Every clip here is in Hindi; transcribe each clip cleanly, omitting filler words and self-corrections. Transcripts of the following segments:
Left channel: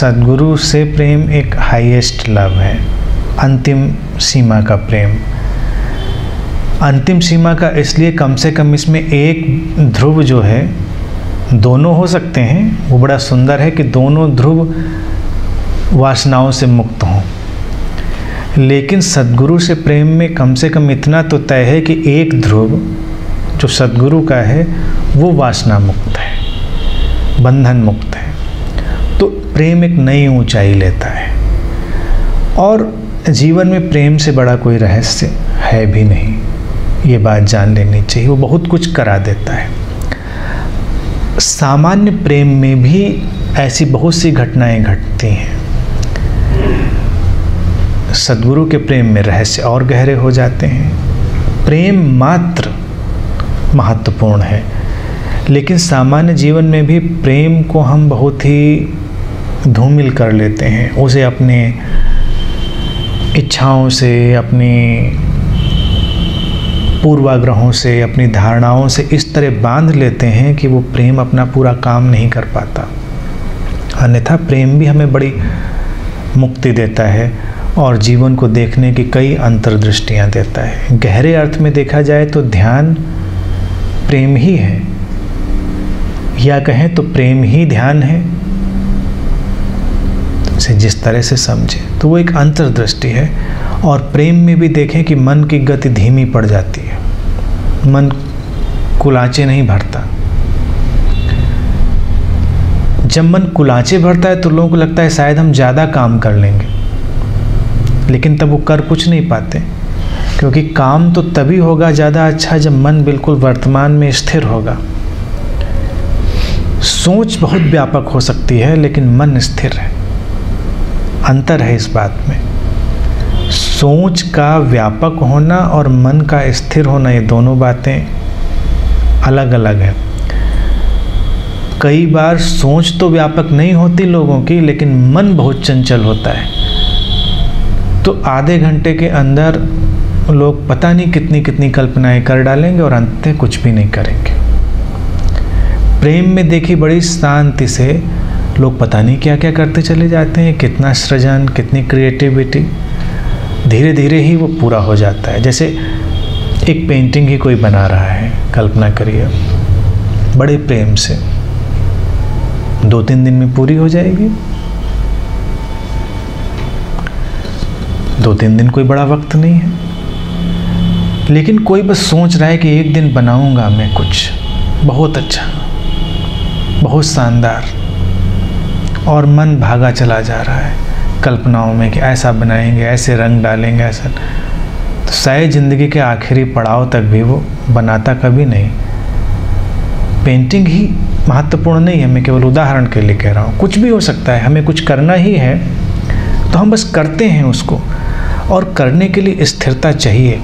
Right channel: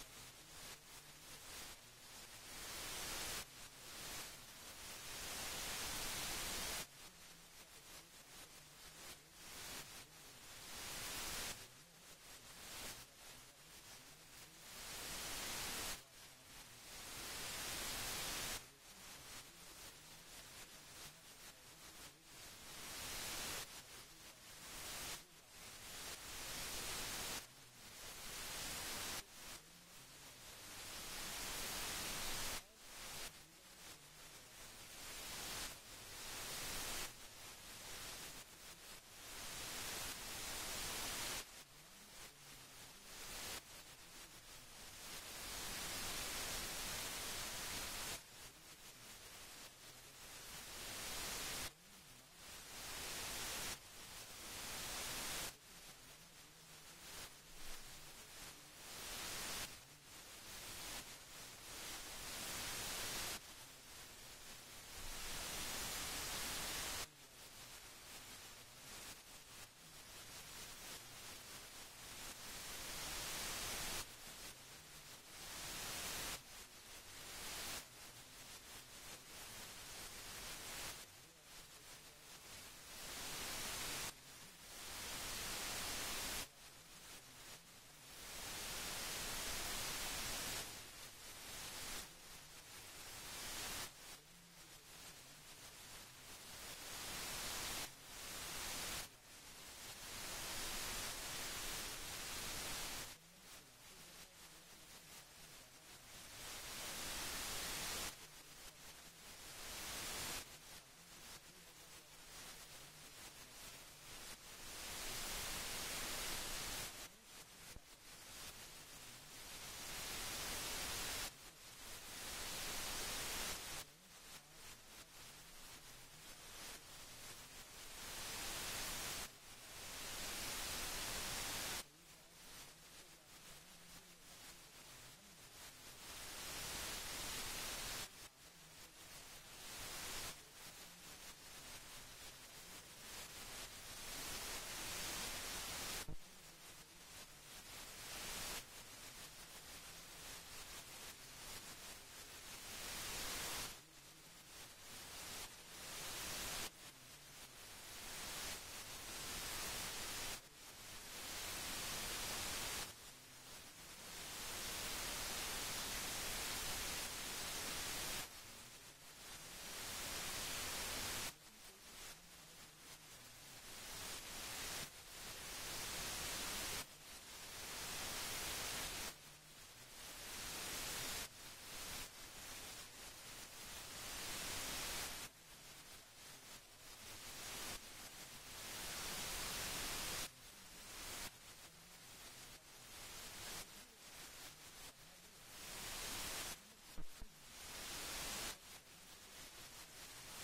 सद्गुरु से प्रेम एक हाईएस्ट लव है, अंतिम सीमा का प्रेम। अंतिम सीमा का इसलिए कम से कम इसमें एक ध्रुव जो है, दोनों हो सकते हैं, वो बड़ा सुंदर है कि दोनों ध्रुव वासनाओं से मुक्त हों। लेकिन सद्गुरु से प्रेम में कम से कम इतना तो तय है कि एक ध्रुव जो सद्गुरु का है वो वासना मुक्त है, बंधन मुक्त है। तो प्रेम एक नई ऊंचाई लेता है। और जीवन में प्रेम से बड़ा कोई रहस्य है भी नहीं, ये बात जान लेनी चाहिए। वो बहुत कुछ करा देता है। सामान्य प्रेम में भी ऐसी बहुत सी घटनाएं घटती हैं। सद्गुरु के प्रेम में रहस्य और गहरे हो जाते हैं। प्रेम मात्र महत्वपूर्ण है, लेकिन सामान्य जीवन में भी प्रेम को हम बहुत ही धूमिल कर लेते हैं। उसे अपने इच्छाओं से, अपनी पूर्वाग्रहों से, अपनी धारणाओं से इस तरह बांध लेते हैं कि वो प्रेम अपना पूरा काम नहीं कर पाता। अन्यथा प्रेम भी हमें बड़ी मुक्ति देता है और जीवन को देखने की कई अंतर्दृष्टियाँ देता है। गहरे अर्थ में देखा जाए तो ध्यान प्रेम ही है, या कहें तो प्रेम ही ध्यान है। इसे जिस तरह से समझे तो वो एक अंतर्दृष्टि है। और प्रेम में भी देखें कि मन की गति धीमी पड़ जाती है, मन कुलाचे नहीं भरता। जब मन कुलाचे भरता है तो लोगों को लगता है शायद हम ज़्यादा काम कर लेंगे, लेकिन तब वो कर कुछ नहीं पाते, क्योंकि काम तो तभी होगा ज़्यादा अच्छा जब मन बिल्कुल वर्तमान में स्थिर होगा। सोच बहुत व्यापक हो सकती है लेकिन मन स्थिर है। अंतर है इस बात में। सोच का व्यापक होना और मन का स्थिर होना, ये दोनों बातें अलग अलग है। कई बार सोच तो व्यापक नहीं होती लोगों की, लेकिन मन बहुत चंचल होता है। तो आधे घंटे के अंदर लोग पता नहीं कितनी कितनी कल्पनाएं कर डालेंगे और अंत में कुछ भी नहीं करेंगे। प्रेम में देखी बड़ी शांति से लोग पता नहीं क्या क्या करते चले जाते हैं। कितना सृजन, कितनी क्रिएटिविटी, धीरे धीरे ही वो पूरा हो जाता है। जैसे एक पेंटिंग ही कोई बना रहा है, कल्पना करिए, बड़े प्रेम से 2-3 दिन में पूरी हो जाएगी। 2-3 दिन कोई बड़ा वक्त नहीं है, लेकिन कोई बस सोच रहा है कि एक दिन बनाऊंगा मैं कुछ बहुत अच्छा, बहुत शानदार, और मन भागा चला जा रहा है कल्पनाओं में कि ऐसा बनाएंगे, ऐसे रंग डालेंगे, ऐसा। तो शायद ज़िंदगी के आखिरी पड़ाव तक भी वो बनाता कभी नहीं। पेंटिंग ही महत्वपूर्ण नहीं है, मैं केवल उदाहरण के लिए कह रहा हूँ। कुछ भी हो सकता है, हमें कुछ करना ही है तो हम बस करते हैं उसको, और करने के लिए स्थिरता चाहिए।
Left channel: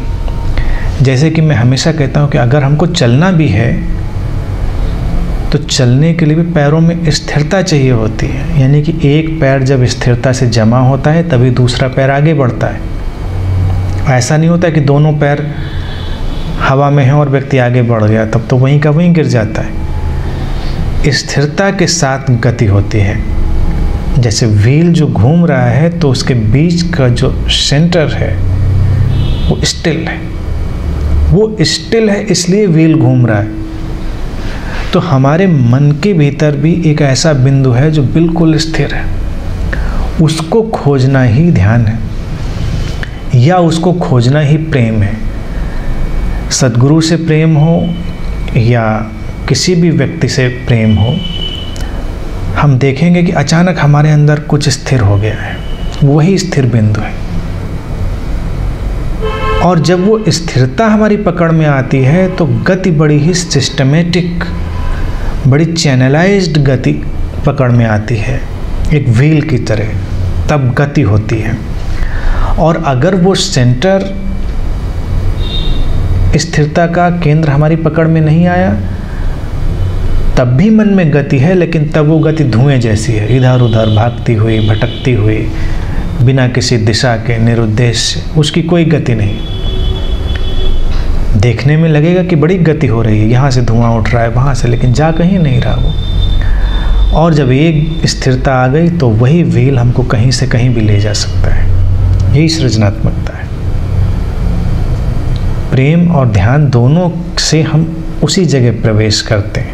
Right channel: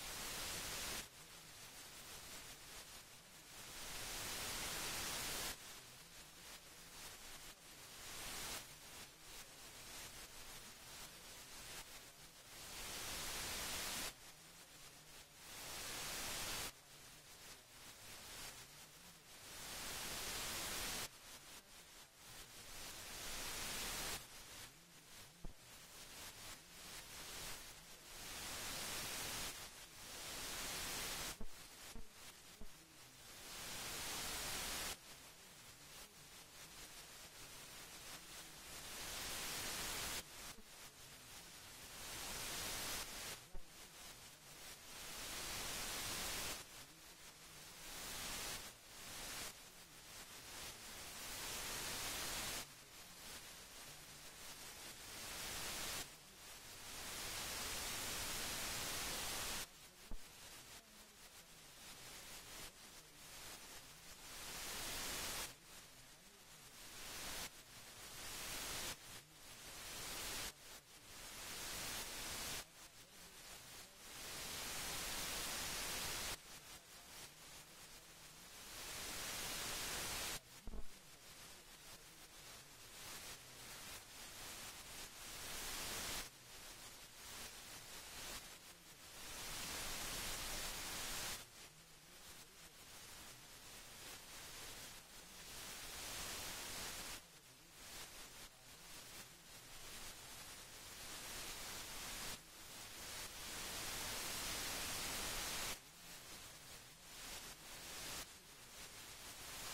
जैसे कि मैं हमेशा कहता हूँ कि अगर हमको चलना भी है तो चलने के लिए भी पैरों में स्थिरता चाहिए होती है। यानी कि एक पैर जब स्थिरता से जमा होता है तभी दूसरा पैर आगे बढ़ता है। ऐसा नहीं होता कि दोनों पैर हवा में हैं और व्यक्ति आगे बढ़ गया, तब तो वहीं का वहीं गिर जाता है। स्थिरता के साथ गति होती है। जैसे व्हील जो घूम रहा है तो उसके बीच का जो सेंटर है वो स्टिल है। वो स्टिल है इसलिए व्हील घूम रहा है। तो हमारे मन के भीतर भी एक ऐसा बिंदु है जो बिल्कुल स्थिर है। उसको खोजना ही ध्यान है, या उसको खोजना ही प्रेम है। सद्गुरु से प्रेम हो या किसी भी व्यक्ति से प्रेम हो, हम देखेंगे कि अचानक हमारे अंदर कुछ स्थिर हो गया है। वही स्थिर बिंदु है। और जब वो स्थिरता हमारी पकड़ में आती है तो गति बड़ी ही सिस्टमेटिक, बड़ी चैनलाइज्ड गति पकड़ में आती है, एक व्हील की तरह। तब गति होती है। और अगर वो सेंटर, स्थिरता का केंद्र हमारी पकड़ में नहीं आया, तब भी मन में गति है, लेकिन तब वो गति धुएं जैसी है, इधर उधर भागती हुई, भटकती हुई, बिना किसी दिशा के, निरुद्देश्य। उसकी कोई गति नहीं। देखने में लगेगा कि बड़ी गति हो रही है, यहाँ से धुआं उठ रहा है, वहाँ से, लेकिन जा कहीं नहीं रहा वो। और जब एक स्थिरता आ गई तो वही व्हील हमको कहीं से कहीं भी ले जा सकता है। यही सृजनात्मकता है। प्रेम और ध्यान दोनों से हम उसी जगह प्रवेश करते हैं।